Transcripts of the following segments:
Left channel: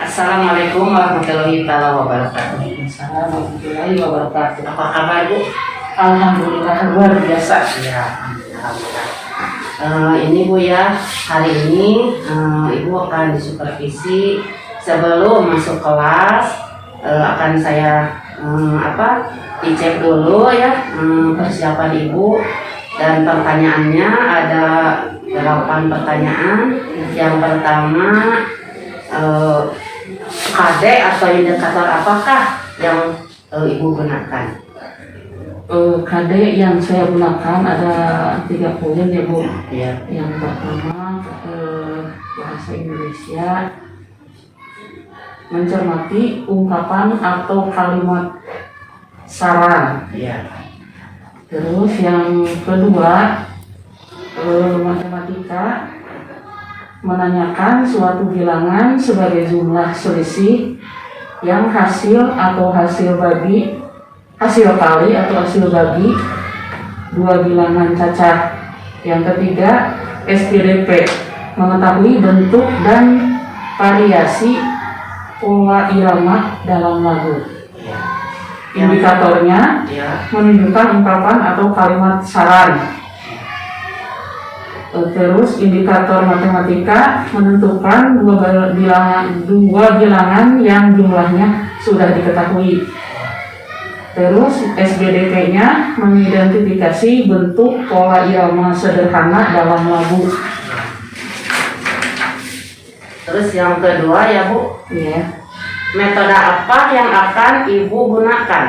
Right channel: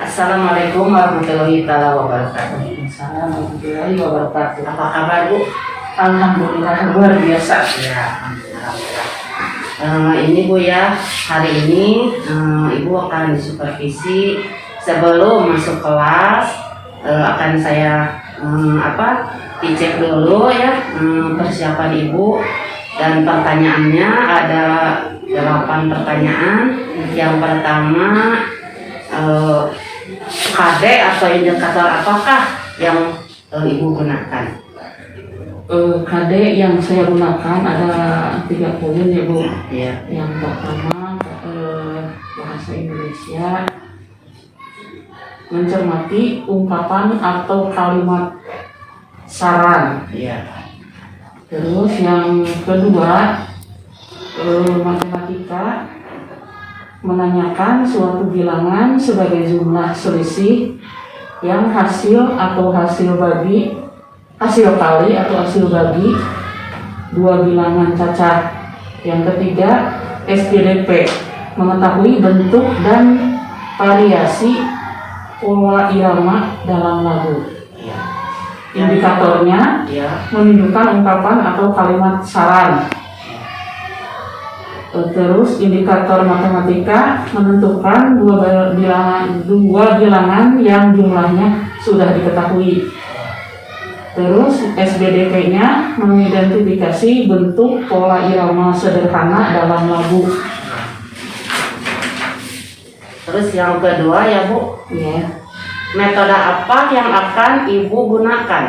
Assalamualaikum warahmatullahi wabarakatuh. Assalamualaikum warahmatullahi wabarakatuh. Apa kabar Bu? Alhamdulillah luar biasa. Ya, ini Bu ya, hari ini Ibu akan disupervisi sebelum masuk kelas. Akan saya dicek dulu ya persiapan Ibu, dan pertanyaannya ada 8 pertanyaan. Yang pertama, KD atau indikator apakah yang Ibu gunakan? KD yang saya gunakan ada 3 poin ya Bu. Ya. Yang pertama bahasa Indonesia, mencermati ungkapan atau kalimat saran. Ya. Terus yang kedua, matematika, menanyakan suatu bilangan sebagai jumlah selisih yang hasil kali atau hasil bagi 2 bilangan cacat. Yang ketiga, SPDP, mengetahui bentuk dan variasi pola irama dalam lagu. Indikatornya menunjukkan ungkapan atau kalimat saran. Terus indikator matematika menentukan dua bilangan yang jumlahnya sudah diketahui. Terus SBDP-nya mengidentifikasi bentuk pola irama sederhana dalam lagu. Terus yang kedua ya Bu, Ya. metode apa yang akan Ibu gunakan?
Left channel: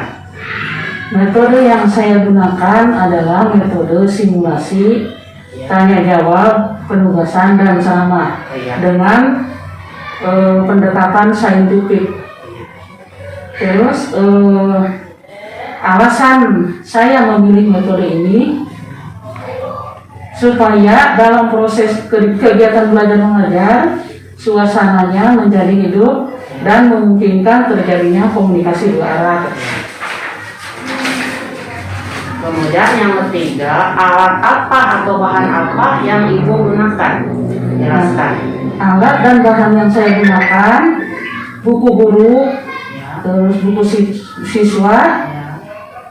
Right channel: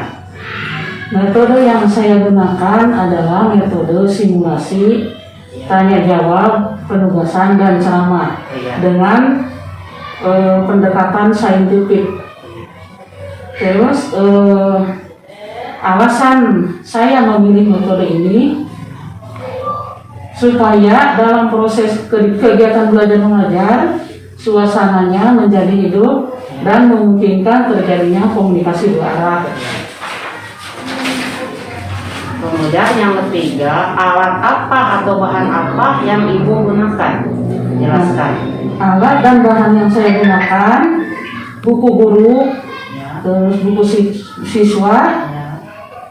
Metode yang saya gunakan adalah metode simulasi, tanya jawab, penugasan, dan ceramah dengan pendekatan saintifik. Terus alasan saya memilih metode ini supaya dalam proses kegiatan belajar mengajar suasananya menjadi hidup dan memungkinkan terjadinya komunikasi dua arah. Kemudian yang ketiga, alat apa atau bahan apa yang Ibu gunakan? Jelaskan. Alat dan bahan yang saya gunakan, buku guru, terus buku siswa,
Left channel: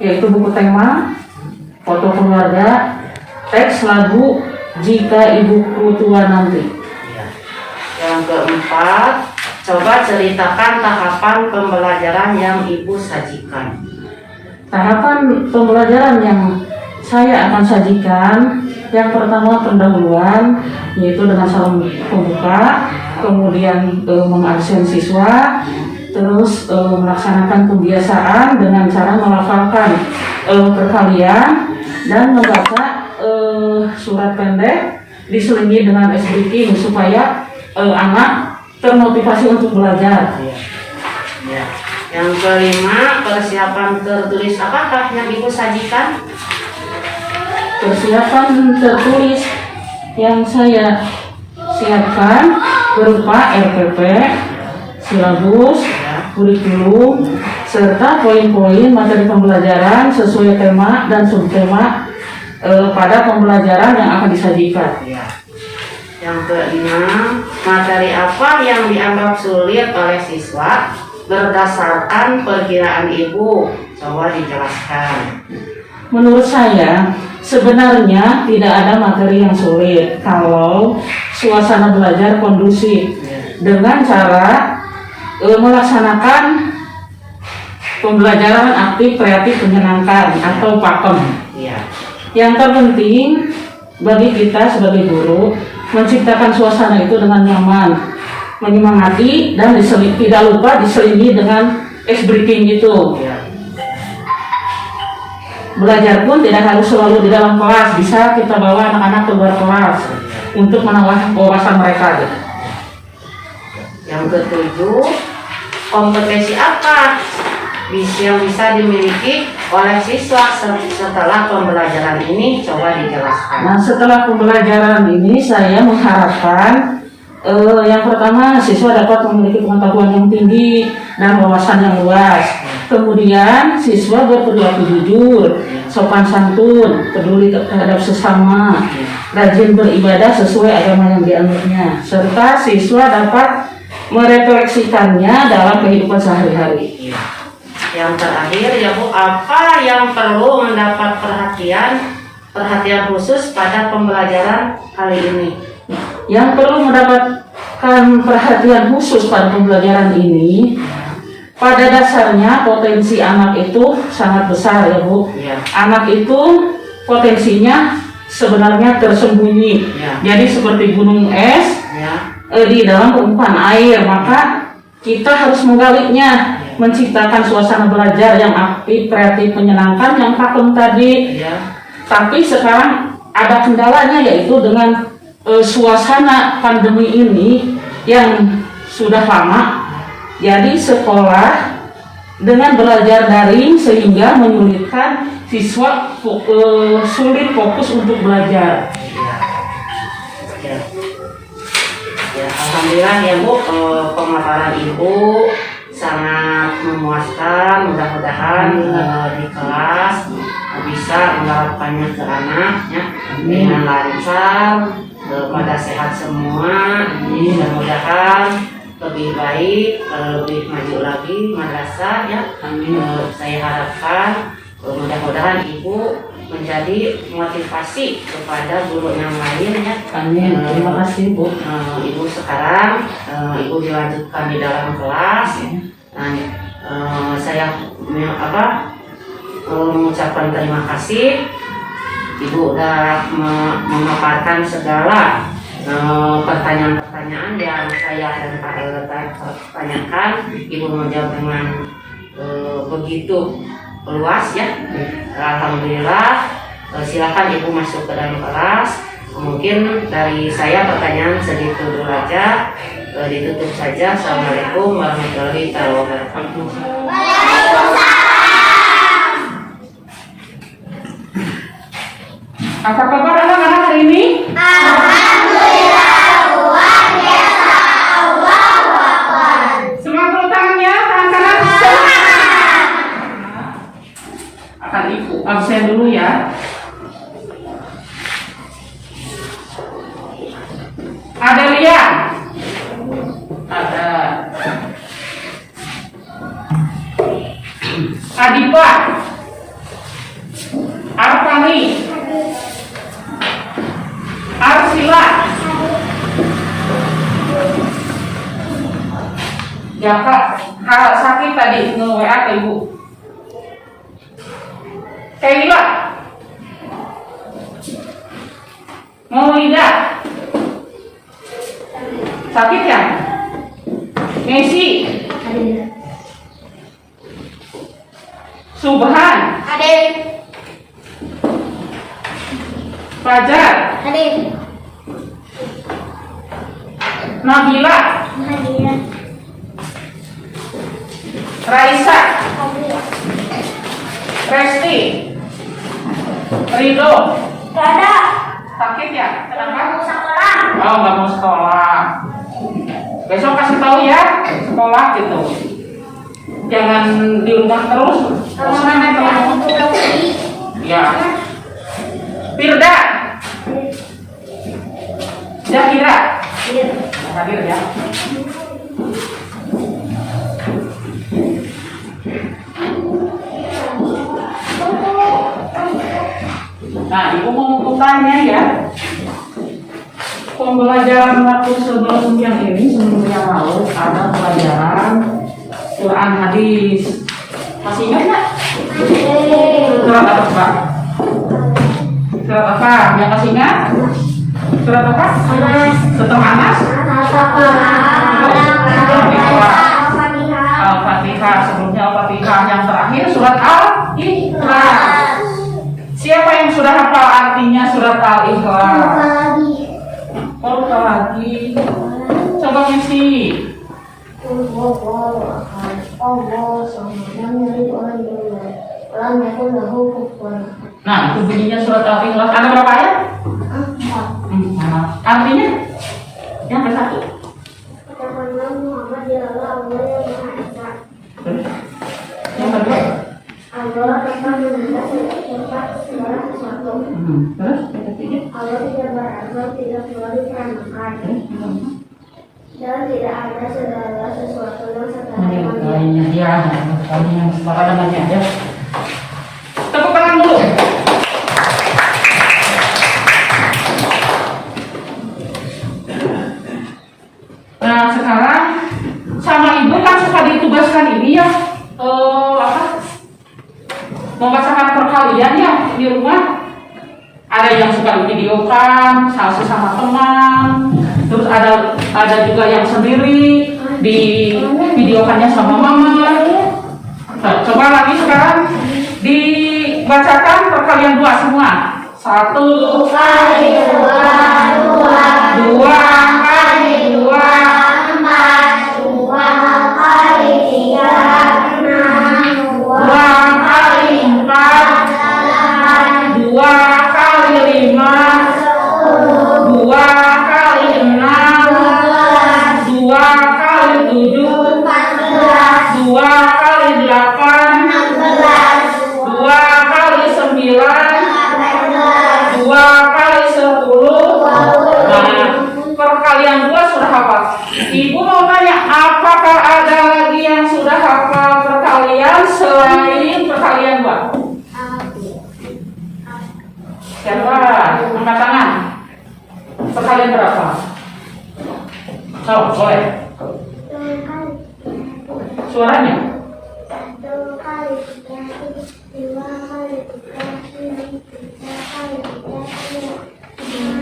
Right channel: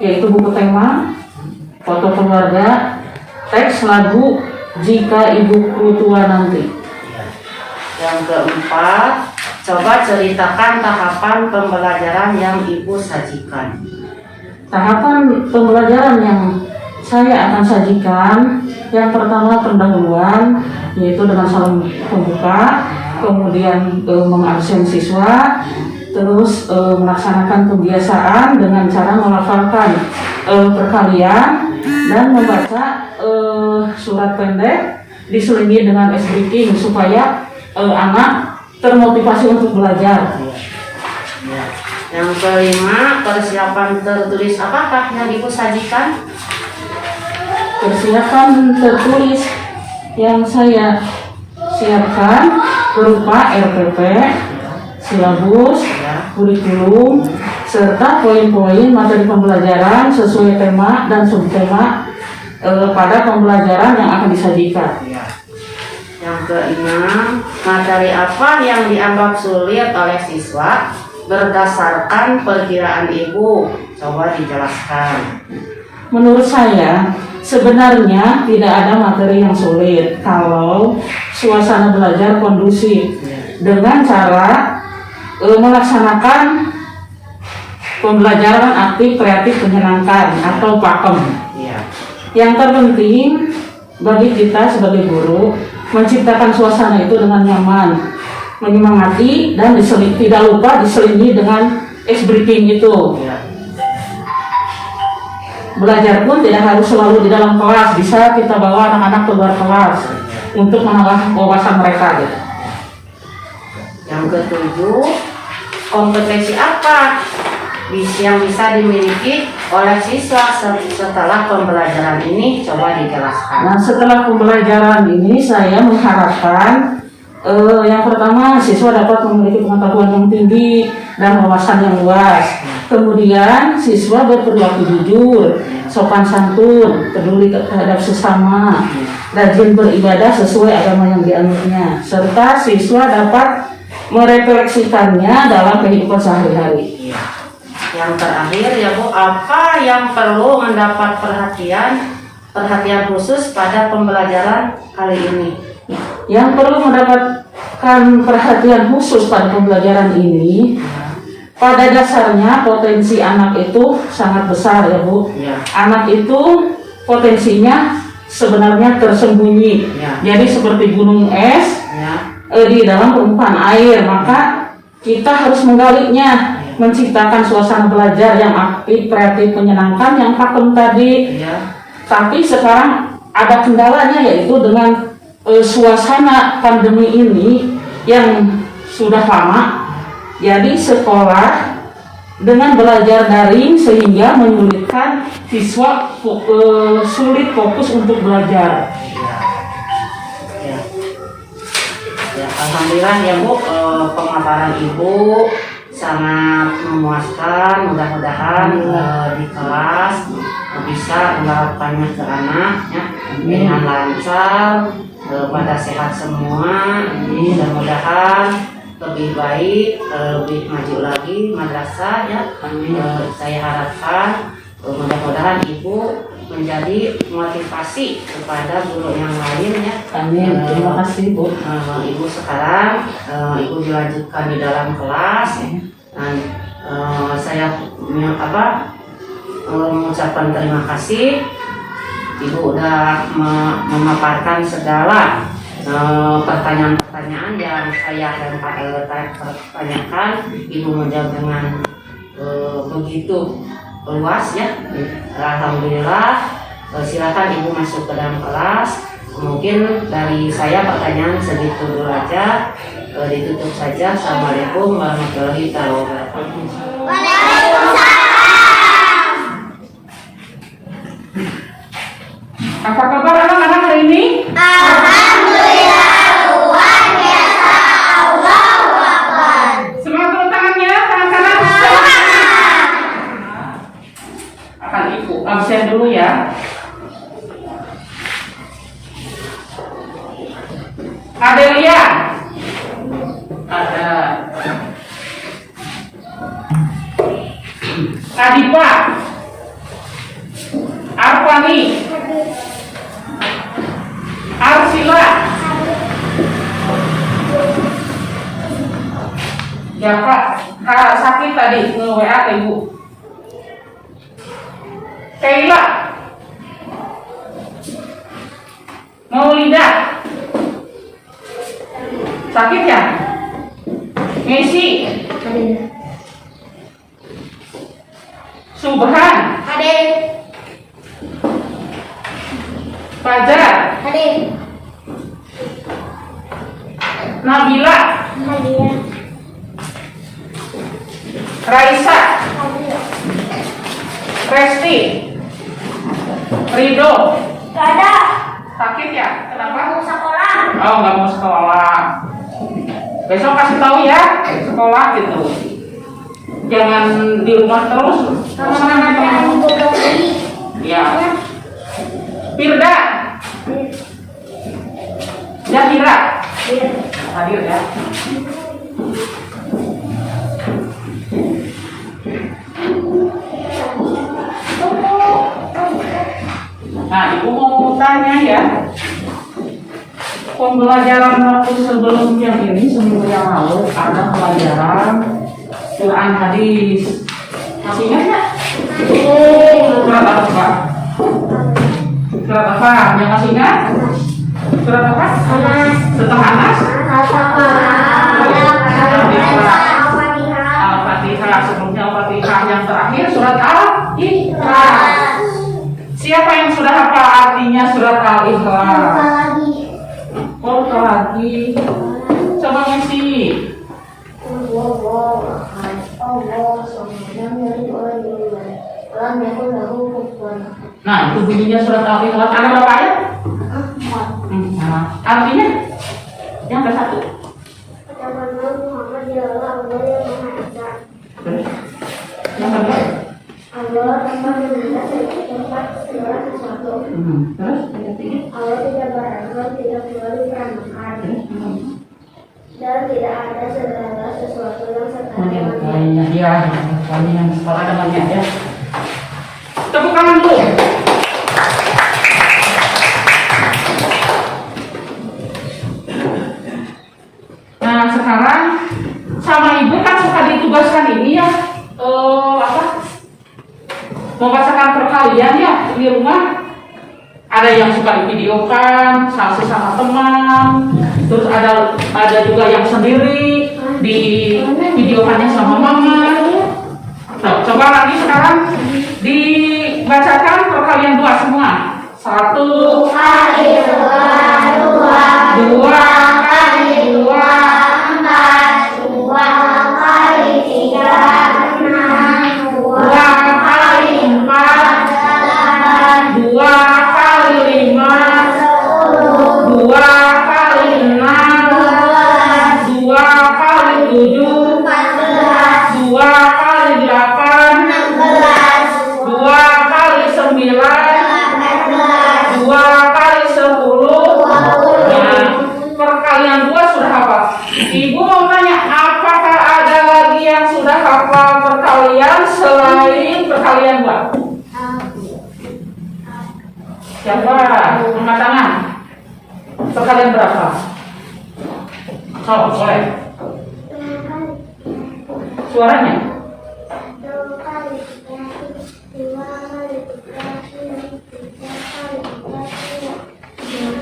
yaitu buku tema, foto keluarga, teks lagu jika ibuku tua nanti. Yang keempat, coba ceritakan tahapan pembelajaran yang Ibu sajikan. Tahapan pembelajaran yang saya akan sajikan, yang pertama pendahuluan, yaitu dengan salam pembuka, kemudian mengabsen siswa, terus melaksanakan pembiasaan dengan cara melafalkan perkalian dan membaca surat pendek diselingi dengan ice breaking supaya anak termotivasi untuk belajar. Yang kelima, persiapan tertulis apakah yang Ibu sajikan? Persiapan tertulis yang saya siapkan berupa RPP, silabus, kurikulum, serta poin-poin materi pembelajaran sesuai tema dan subtema pada pembelajaran yang akan disajikan. Yang keenam, materi apa yang dianggap sulit oleh siswa berdasarkan perkiraan Ibu? Coba dijelaskan. Menurut saya, sebenarnya tidak ada materi yang sulit kalau suasana belajar kondusif dengan cara melaksanakan pembelajaran aktif, kreatif, menyenangkan atau pakem. Yang terpenting bagi kita sebagai guru, menciptakan suasana itu dengan nyaman, menyemangati, dan tidak lupa diselingi dengan ice breaking itu. Belajar pun tidak harus selalu di dalam kelas, bisa kita bawa anak-anak ke luar kelas untuk menambah wawasan mereka. Yang ketujuh, kompetensi apa yang bisa dimiliki oleh siswa setelah pembelajaran ini? Coba dijelaskan. Nah, setelah pembelajaran ini saya mengharapkan yang pertama, siswa dapat memiliki pengetahuan yang tinggi dan wawasan yang luas. Kemudian siswa berperilaku jujur, sopan santun, peduli terhadap sesama, rajin beribadah sesuai agama yang dianutnya, serta siswa dapat merefleksikannya dalam kehidupan sehari-hari. Iya. Yang terakhir ya Bu, apa yang perlu mendapat perhatian khusus pada pembelajaran kali ini? Yang perlu mendapatkan perhatian khusus pada pembelajaran ini, pada dasarnya potensi anak itu sangat besar ya Bu. Ya. Anak itu potensinya sebenarnya tersembunyi. Ya. Jadi seperti gunung es Ya. di dalam permukaan air, maka kita harus menggalinya, menciptakan suasana belajar yang aktif, kreatif, menyenangkan yang pakem tadi. Ya. Tapi sekarang ada kendalanya, yaitu dengan suasana pandemi ini yang sudah lama. Jadi sekolah dengan belajar daring sehingga menyulitkan siswa sulit fokus untuk belajar. Ya. Ya, alhamdulillah ya Bu, pemaparan Ibu sangat memuaskan. Mudah-mudahan di kelas bisa menerapkannya ke anak ya, dengan lancar, pada sehat semua. Mudah-mudahan lebih baik, lebih maju lagi madrasah ya. Saya harapkan mudah-mudahan Ibu menjadi motivasi kepada guru yang lain ya. Amin. Terima kasih Bu. Ibu sekarang Ibu dilanjutkan di dalam kelas ya. Saya mengucapkan terima kasih. Ibu udah memaparkan segala pertanyaan-pertanyaan yang saya dan Pak tanyakan. Ibu menjawab dengan begitu luas ya. Alhamdulillah. Silakan Ibu masuk ke dalam kelas. Mungkin dari saya pertanyaan segitu dulu aja. Ditutup saja. Assalamualaikum warahmatullahi wabarakatuh. Apa kabar anak-anak hari ini? Alhamdulillah luar biasa. Allahu Akbar. Semangat tepuk tangannya, tangan kanan. Akan Ibu absen dulu ya. Adelia. Ada. Adipa. Arfani. Arsila. Jaka, sakit tadi nge-WA ke Ibu. Kaila. Maulida. Sakit ya? Messi. Subhan. Adik. Fajar. Adik. Nabila. Nadia. Raisa. Resti. Rido. Gak ada. Sakit ya? Kenapa? Mau sekolah. Oh, nggak mau sekolah. Besok kasih tahu ya, sekolah gitu. Jangan di rumah terus. Ya. Firda. Zahira. Hadir ya. Nah, Ibu mau tanya ya. Pembelajaran waktu sebelum yang ini, sebelum yang lalu ada pelajaran Quran hadis. Masih ingat nggak? Surat apa Pak? Surat apa? Yang masih ingat? Surat apa? Setelah Anas? Al-Fatihah. Sebelumnya Al-Fatihah. Yang terakhir surat Al-Ikhlas. Siapa yang sudah hafal artinya surat Al-Ikhlas? Oh, lagi. Coba ngisi. Nah, itu bunyinya surat Al-Ikhlas. Ada berapa ayat? Artinya? Yang ke satu. Yang kedua? Allah tanpa meminta tempat segala sesuatu. Terus? Yang ketiga? Allah tidak berazal, tidak keluar peranakan. dan tidak ada segala sesuatu yang setara Lainnya ya, yang ada banyak ya. Tepuk tangan dulu. Nah sekarang sama ibu kan suka ditugaskan ini ya, membacakan perkalian ya di rumah. Ada yang suka divideokan sama teman, terus ada juga yang sendiri di videokannya sama mama. Coba lagi sekarang dibacakan perkalian 2 semua. 1 kali 2, 2 kali 2 4, 2 kali 3, 6, 2 kali 4 2 kali 5 2 kali 6 2 kali 7 2 kali 8 2 kali 9 2 kali 10. Nah, perkalian 2 sudah hafal. Ibu mau tanya, apakah ada lagi yang sudah hafal perkalian selain perkalian 2? Siapa? Angkat tangan. Perkalian berapa? Boleh. Suaranya? 2 kali 3, 2 kali 3, 3 kali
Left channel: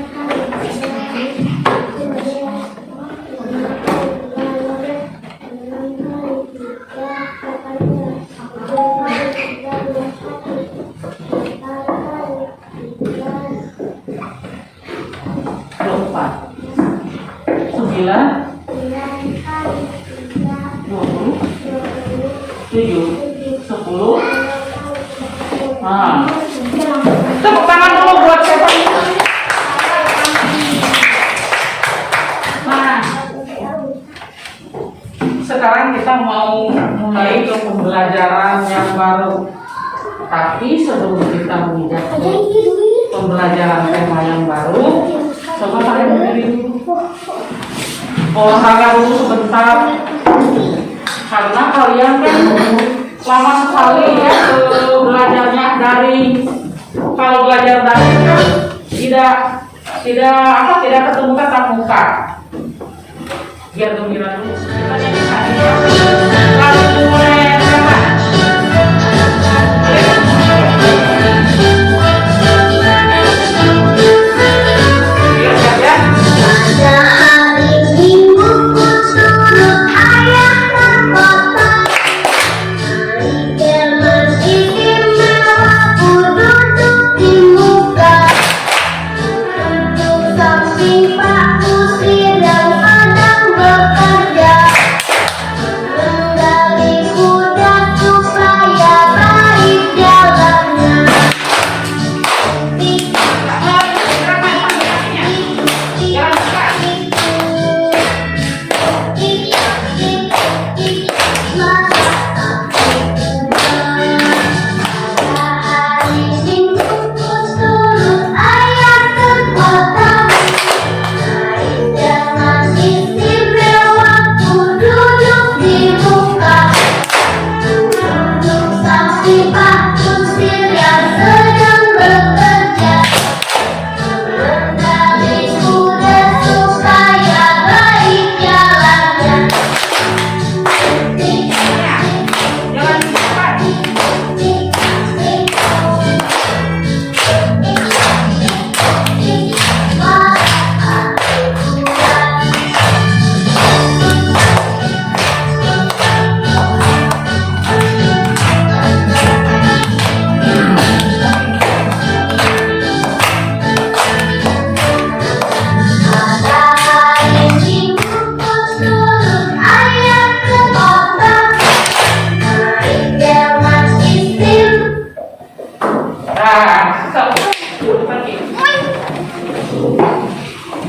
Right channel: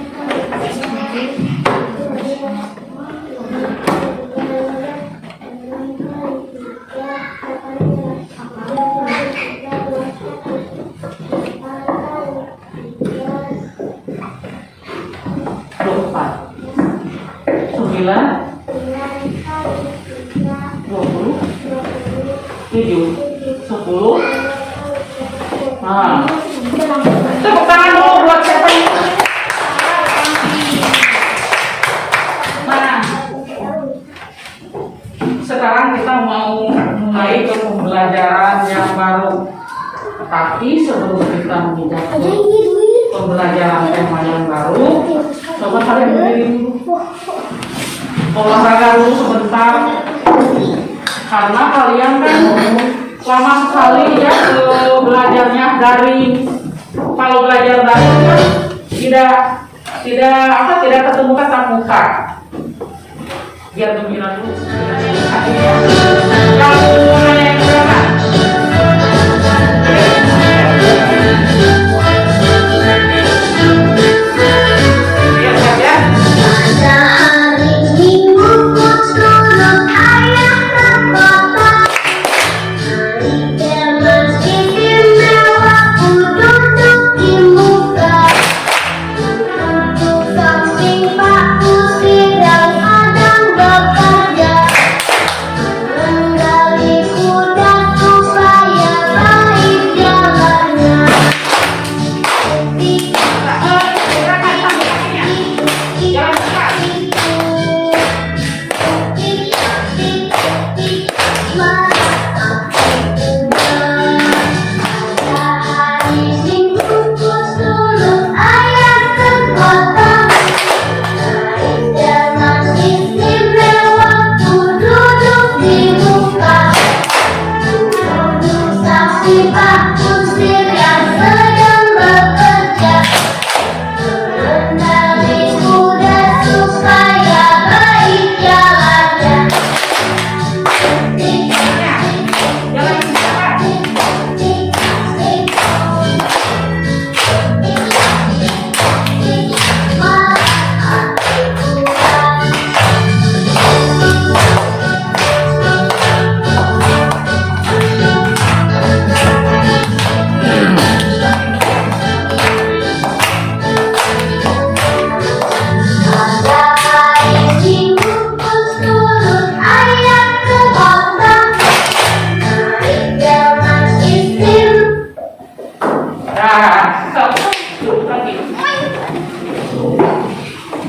10. Nah, tepuk tangan dulu buat siapa ini. Nah, sekarang kita mau mulai ke pembelajaran yang baru. Tapi sebelum kita menginjak ke pembelajaran tema yang baru, coba kalian berdiri dulu. Olahraga dulu sebentar. Karena kalian kan lama sekali ya belajarnya daring. Kalau belajar daring kan tidak ketemu tatap muka. Biar gembira dulu. Lalu mulai berapa? Biar saja.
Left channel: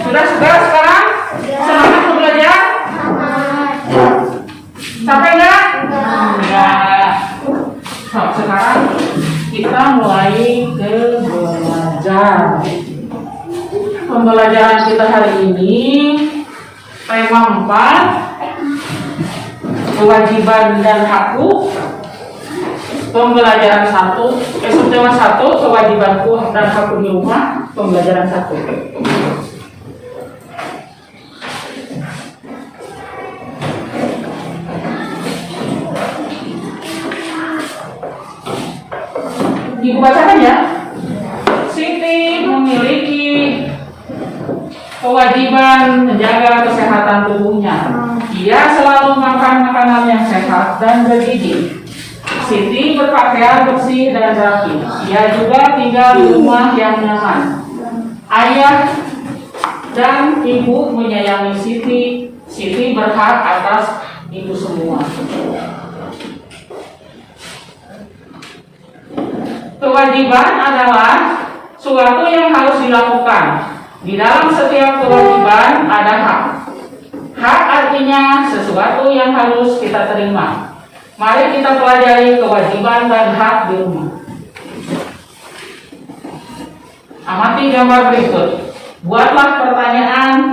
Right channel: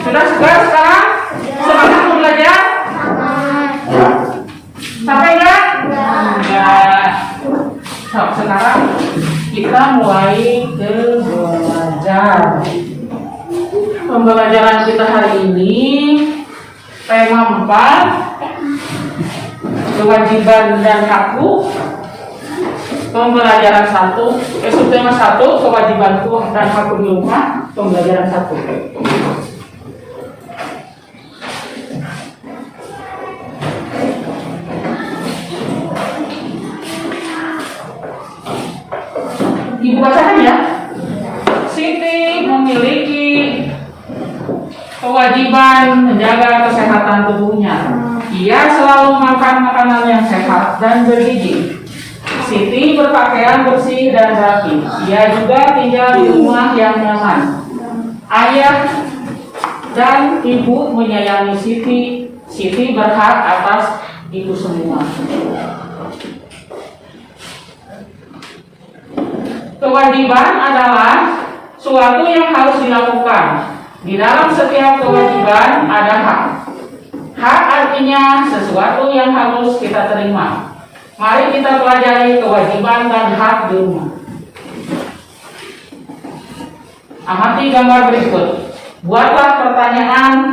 Sudah sekarang semangat mau belajar? Sampai enggak? Enggak. Sekarang kita mulai ke belajar. Pembelajaran kita hari ini Tema 4, kewajiban dan hakku. Pembelajaran 1, subtema 1, kewajibanku dan hakku di rumah. Pembelajaran 1. Ibu bacakan ya. Siti memiliki kewajiban menjaga kesehatan tubuhnya. Ia selalu makan makanan yang sehat dan bergizi. Siti berpakaian bersih dan rapi. Ia juga tinggal di rumah yang nyaman. Ayah dan ibu menyayangi Siti. Siti berhak atas itu semua. Kewajiban adalah suatu yang harus dilakukan. Di dalam setiap kewajiban ada hak. Hak artinya sesuatu yang harus kita terima. Mari kita pelajari kewajiban dan hak di rumah. Amati gambar berikut. Buatlah pertanyaan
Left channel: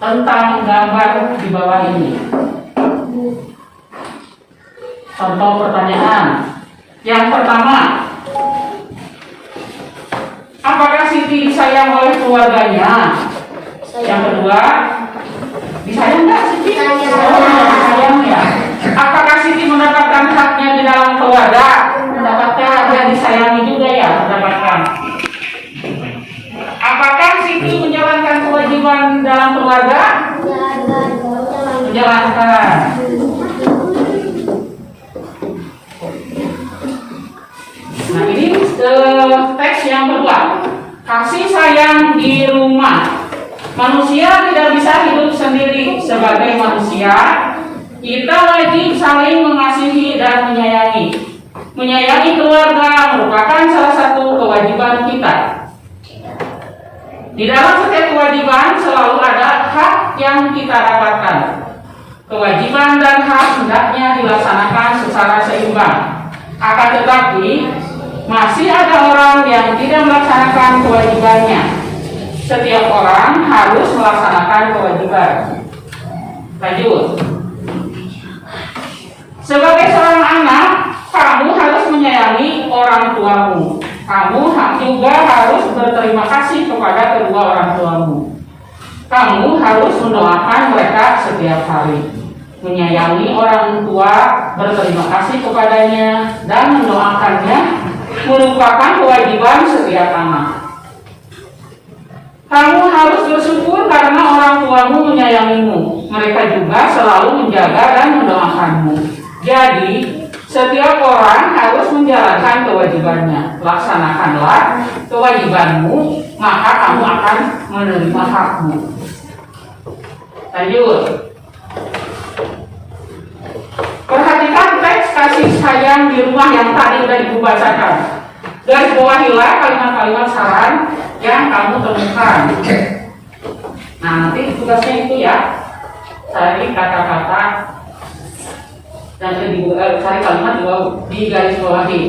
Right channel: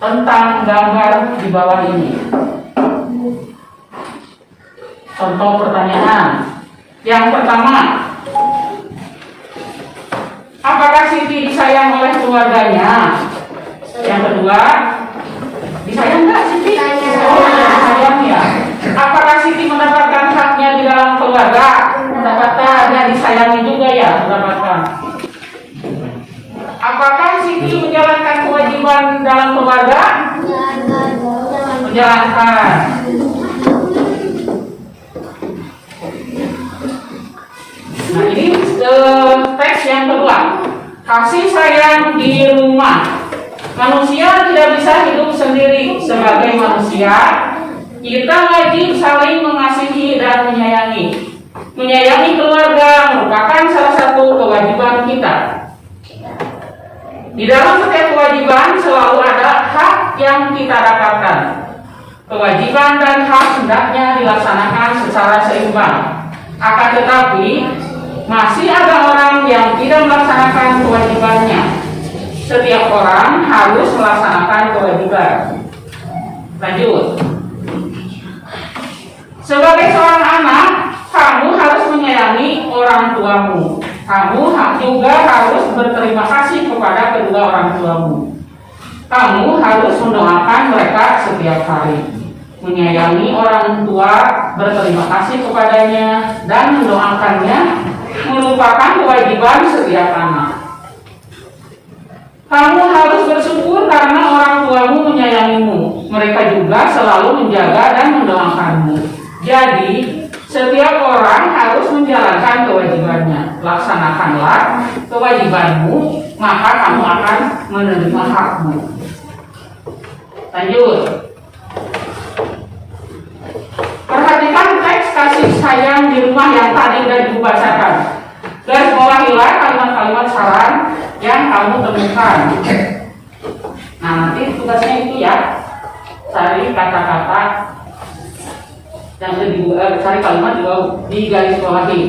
tentang gambar di bawah ini. Contoh pertanyaan. Yang pertama, apakah Siti disayang oleh keluarganya? Yang kedua, disayang nggak Siti? Oh, disayang ya. Apakah Siti mendapatkan haknya di dalam keluarga? Mendapatkan, ya disayangi juga ya, mendapatkan. Apakah Siti menjalankan kewajiban dalam keluarga? Menjalankan. Nah ini teks yang kedua. Kasih sayang di rumah. Manusia tidak bisa hidup sendiri. Sebagai manusia, kita wajib saling mengasihi dan menyayangi. Menyayangi keluarga merupakan salah satu kewajiban kita. Di dalam setiap kewajiban selalu ada hak yang kita dapatkan. Kewajiban dan hak hendaknya dilaksanakan secara seimbang. Akan tetapi masih ada orang yang tidak melaksanakan kewajibannya. Setiap orang harus melaksanakan kewajiban. Lanjut. Sebagai seorang anak, kamu harus menyayangi orang tuamu. Kamu juga harus berterima kasih kepada kedua orang tuamu. Kamu harus mendoakan mereka setiap hari. Menyayangi orang tua, berterima kasih kepadanya, dan mendoakannya merupakan kewajiban setiap anak. Kamu harus bersyukur karena orang tuamu menyayangimu. Mereka juga selalu menjaga dan mendoakanmu. Jadi, setiap orang harus menjalankan kewajibannya. Laksanakanlah kewajibanmu, maka kamu akan menerima hakmu. Lanjut. Perhatikan teks kasih sayang di rumah yang tadi sudah Ibu bacakan. Garis bawahilah kalimat-kalimat saran yang kamu temukan. Nah, nanti tugasnya itu ya, cari kata-kata yang kedua, cari kalimat juga di garis bawahi.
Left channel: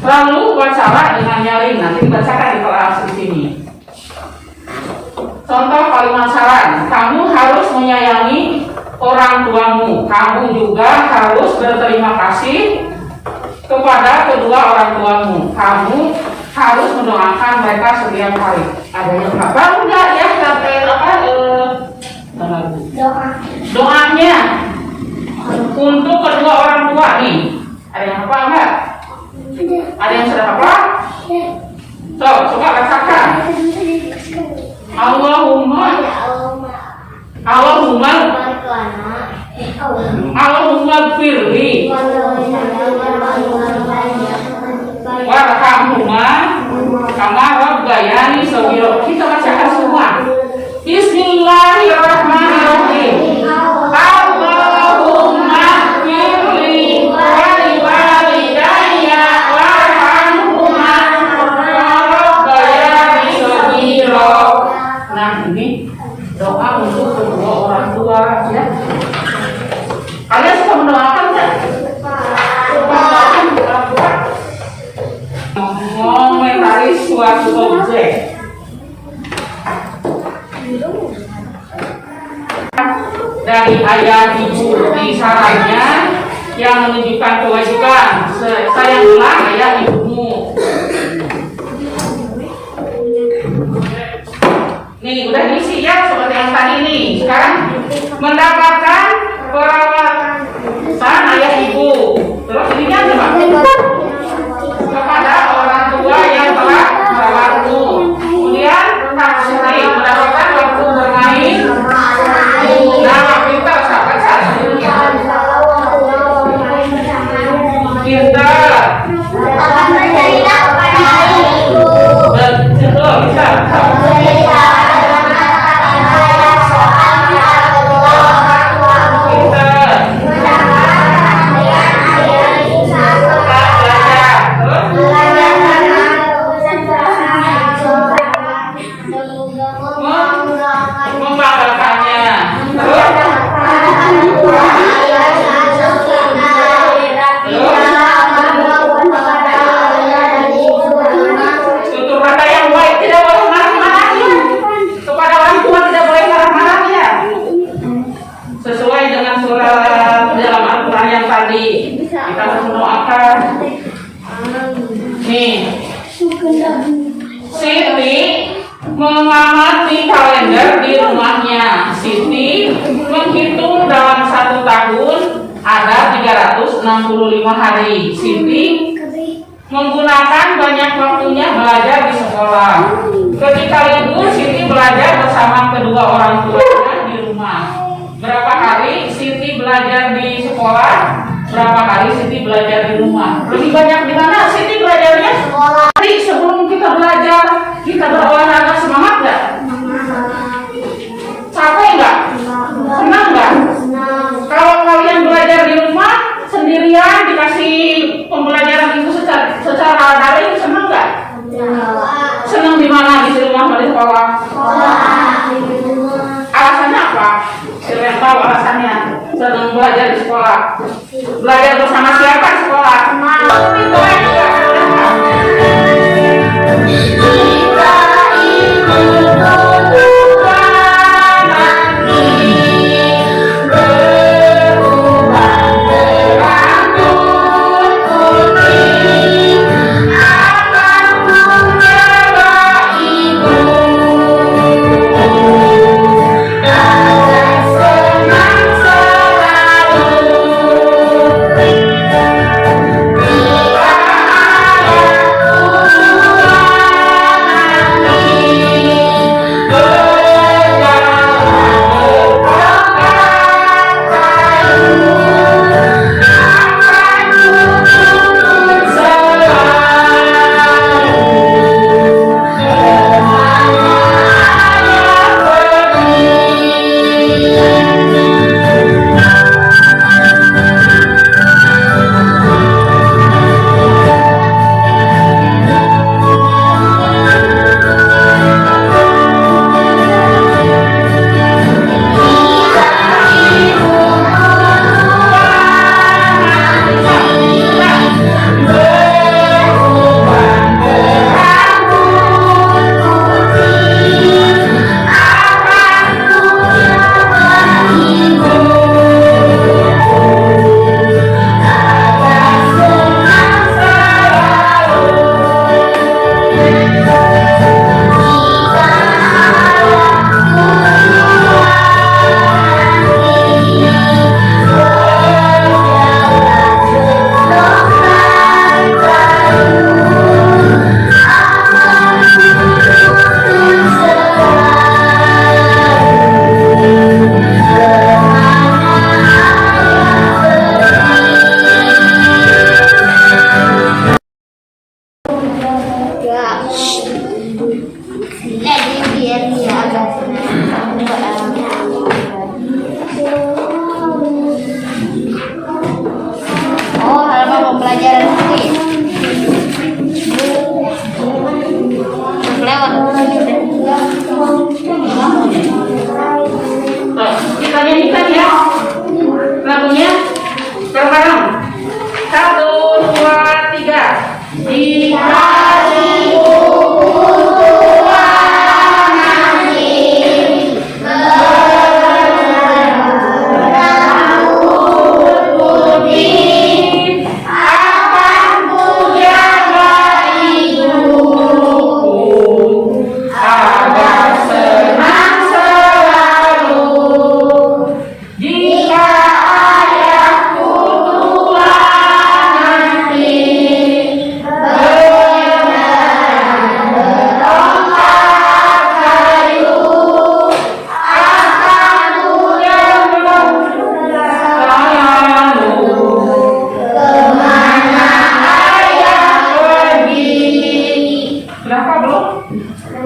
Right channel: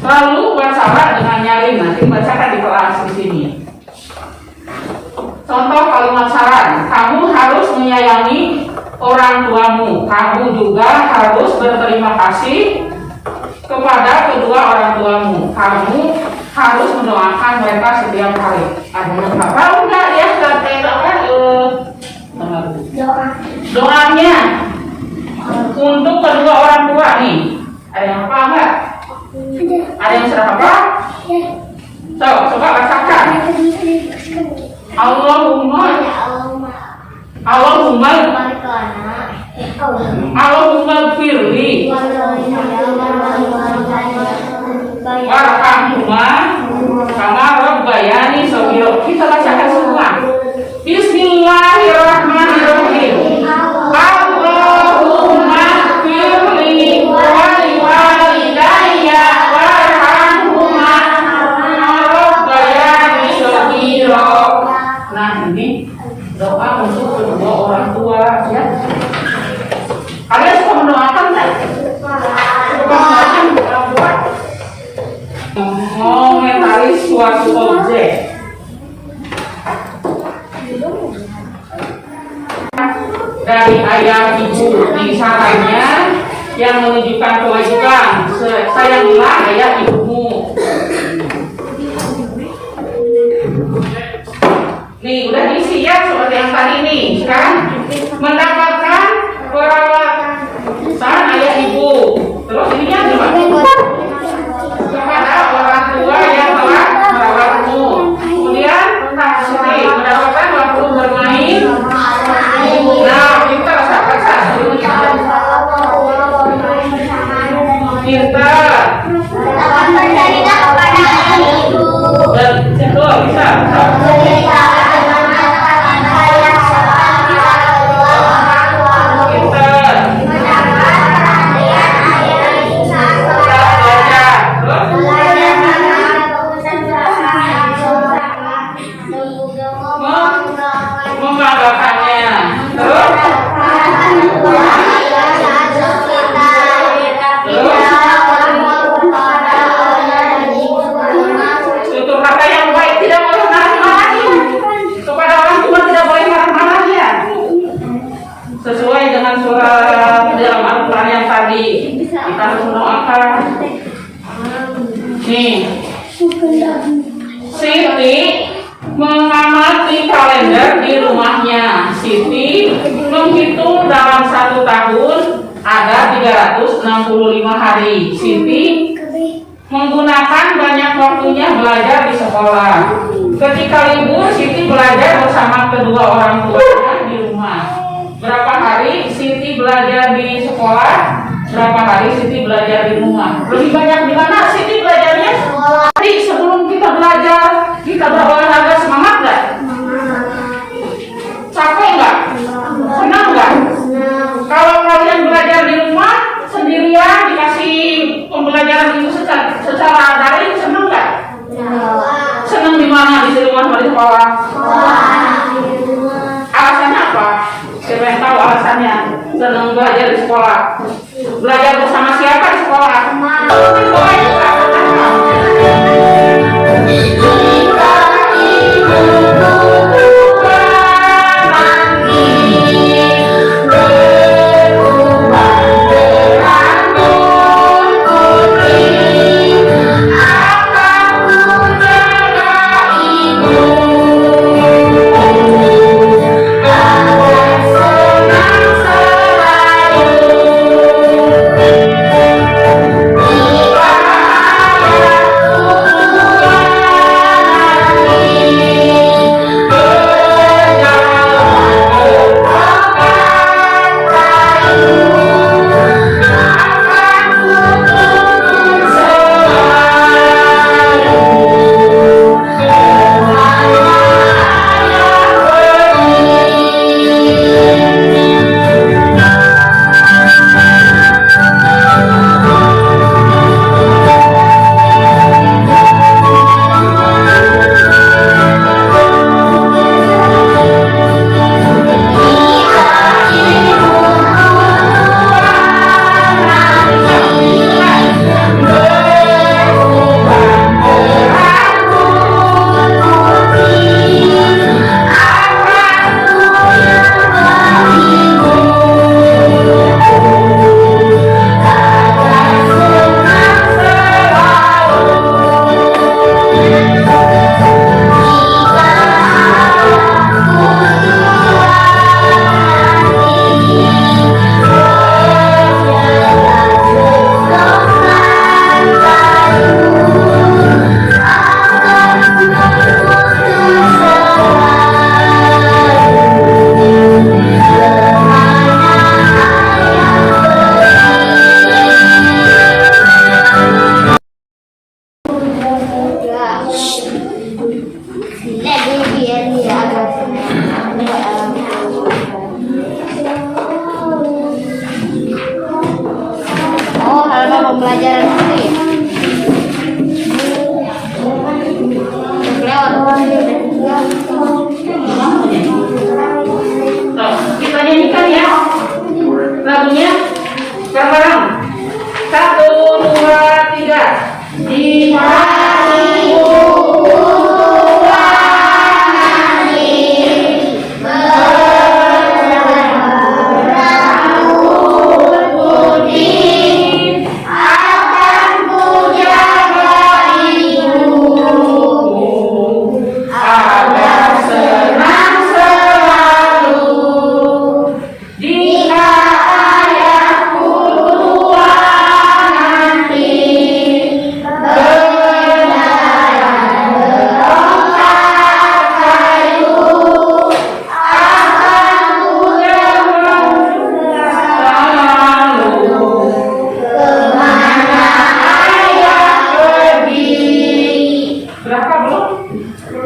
Lalu bacalah dengan nyaring, nanti bacakan di kelas di sini. Contoh kalimat saran, kamu harus menyayangi orang tuamu. Kamu juga harus berterima kasih kepada kedua orang tuamu. Kamu harus mendoakan mereka setiap hari. Ada yang hafal enggak ya? Sampai apa? Doanya untuk kedua orang tua nih. Ada yang hafal enggak? Ada yang sudah hafal? So, coba bacakan. Allahumma firli warhamhuma kama rabbayani shaghira. Kita bacakan semua. Bismillahirrahmanirrahim. Allahumma firli wa liwalidayya warhamhuma kama rabbayani shaghira. Nah, ini doa untuk kedua orang tua ya. Kalian sudah mendoakan tak? Mendoakan orang tua. Mengomentari suatu objek. dari ayah ibu di sarannya yang menunjukkan kewajiban sayangilah ayah ibumu. Nih udah diisi ya seperti yang tadi nih kan, mendapatkan perawatan ayah ibu. Terus ini yang kepada orang tua yang telah merawatmu. Kemudian mendapatkan waktu bermain. Nah, kita rasakan saat sebelumnya. Kita betul bisa. Nih, Siti mengamati kalender di rumahnya. Siti menghitung dalam 1 tahun ada 365 hari. Siti menggunakan banyak waktunya belajar di sekolah. Ketika libur, Siti belajar bersama kedua orang tuanya di rumah. Berapa hari Siti belajar di sekolah? Berapa hari Siti belajar di rumah? Lebih banyak di mana Siti belajarnya? Sekolah. Tadi sebelum kita belajar, kita berolahraga semangat nggak? Capek nggak? Senang nggak? Kalau kalian belajar di rumah sendirian dikasih pembelajaran itu secara daring, senang nggak? Senang di mana di rumah atau di sekolah? Alasannya apa? Siapa yang tahu alasannya? Senang belajar di sekolah. Belajar bersama siapa di sekolah?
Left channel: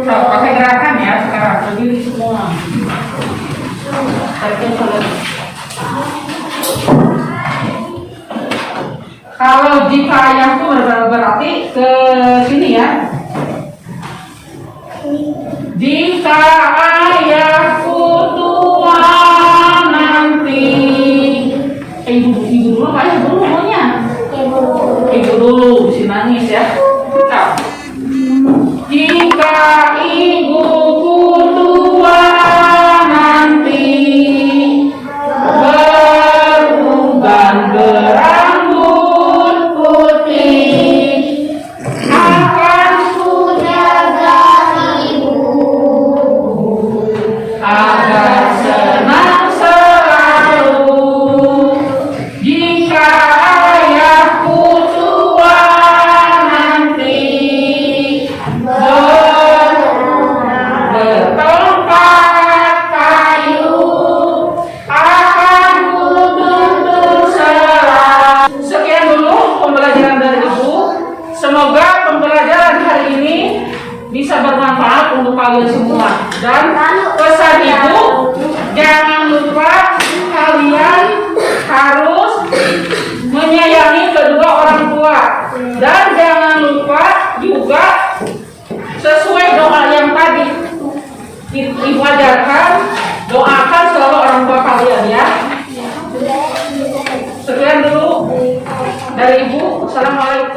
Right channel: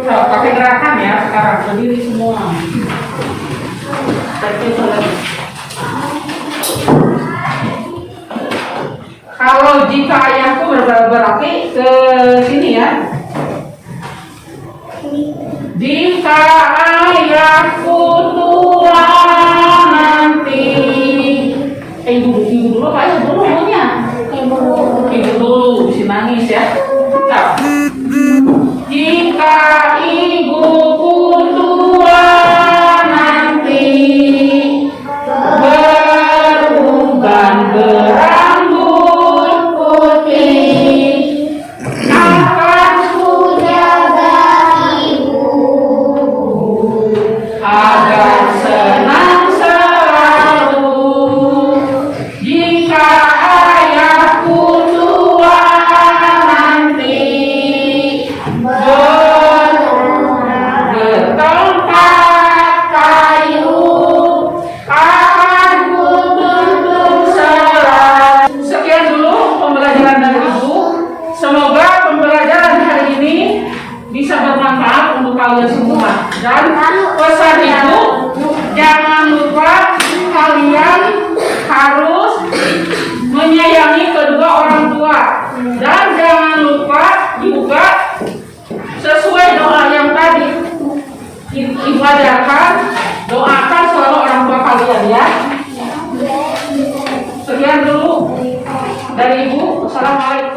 Pakai gerakan ya sekarang, berdiri semua. Kalau jika ayahku berarti ke sini ya. Jika ayahku tua nanti, ibu dulu Pak, ibu dulu maunya. Ibu dulu, si nangis ya. Nah. Jika ibuku tua nanti beruban berambut putih, akan ku jaga agar senang selalu. Jika ayahku tua nanti bertongkat kayu, akan ku tuntun selalu. Sekian dulu pembelajaran dari Ibu. Semoga pembelajaran hari ini bisa bermanfaat untuk kalian semua. Dan pesan Ibu, jangan lupa kalian harus menyayangi kedua orang tua. Dan jangan lupa juga sesuai doa yang tadi Ibu ajarkan, doakan selalu orang tua kalian ya. Sekian dulu dari Ibu. Assalamualaikum.